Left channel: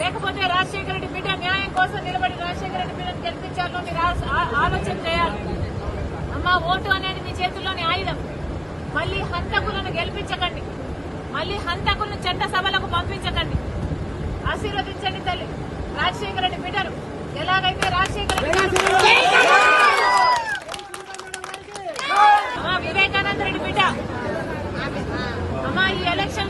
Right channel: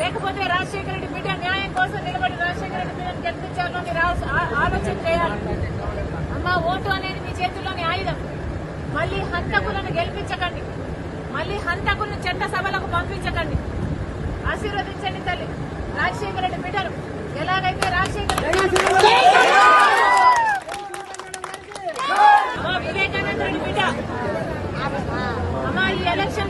లేకపోతే రాజశేఖర రెడ్డి బిడ్డ న్యాయం కోసం నిలబడి రాజశేఖర రెడ్డి బిడ్డను గెలిపించాలని మీరు ఆ- ఆలోచన చేయాలి. అమ్మ ఓటు అనేది మీ చేతుల్లోని ఆయుధం. మళ్ళీ హంతకులను గెలిపించకండి. మళ్ళీ హంతకులను చట్ట సభలకు పంపించకండి. ఆశీర్వదించండి తల్లి. రాజశేఖర రెడ్డి బిడ్డను ఎలాగైతే రాజశేఖర రెడ్డి గారు అమ్మా, వివేకానంద రెడ్డి బిడ్డ అమ్మా ఈ ఎలక్షన్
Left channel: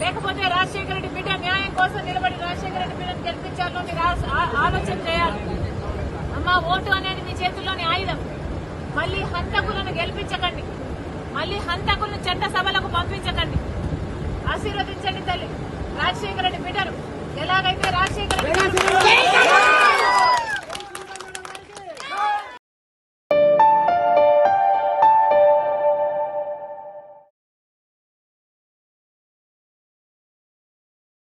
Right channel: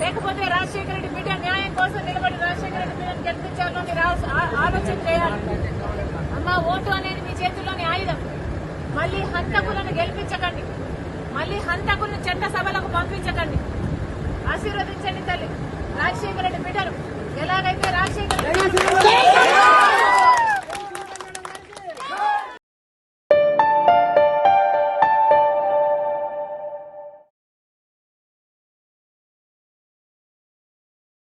లేకపోతే రాజశేఖర రెడ్డి బిడ్డ న్యాయం కోసం నిలబడి రాజశేఖర రెడ్డి బిడ్డను గెలిపించాలని ఆ- ఆలోచన చేయాలి. అమ్మ ఓటు అనేది మీ చేతుల్లోని ఆయుధం. మళ్ళీ హంతకులను గెలిపించకండి. మళ్ళీ హంతకులను చట్ట సభలకు పంపించకండి. ఆశీర్వదించండి తల్లి. రాజశేఖర రెడ్డి బిడ్డను ఎలాగైతే రాజశేఖర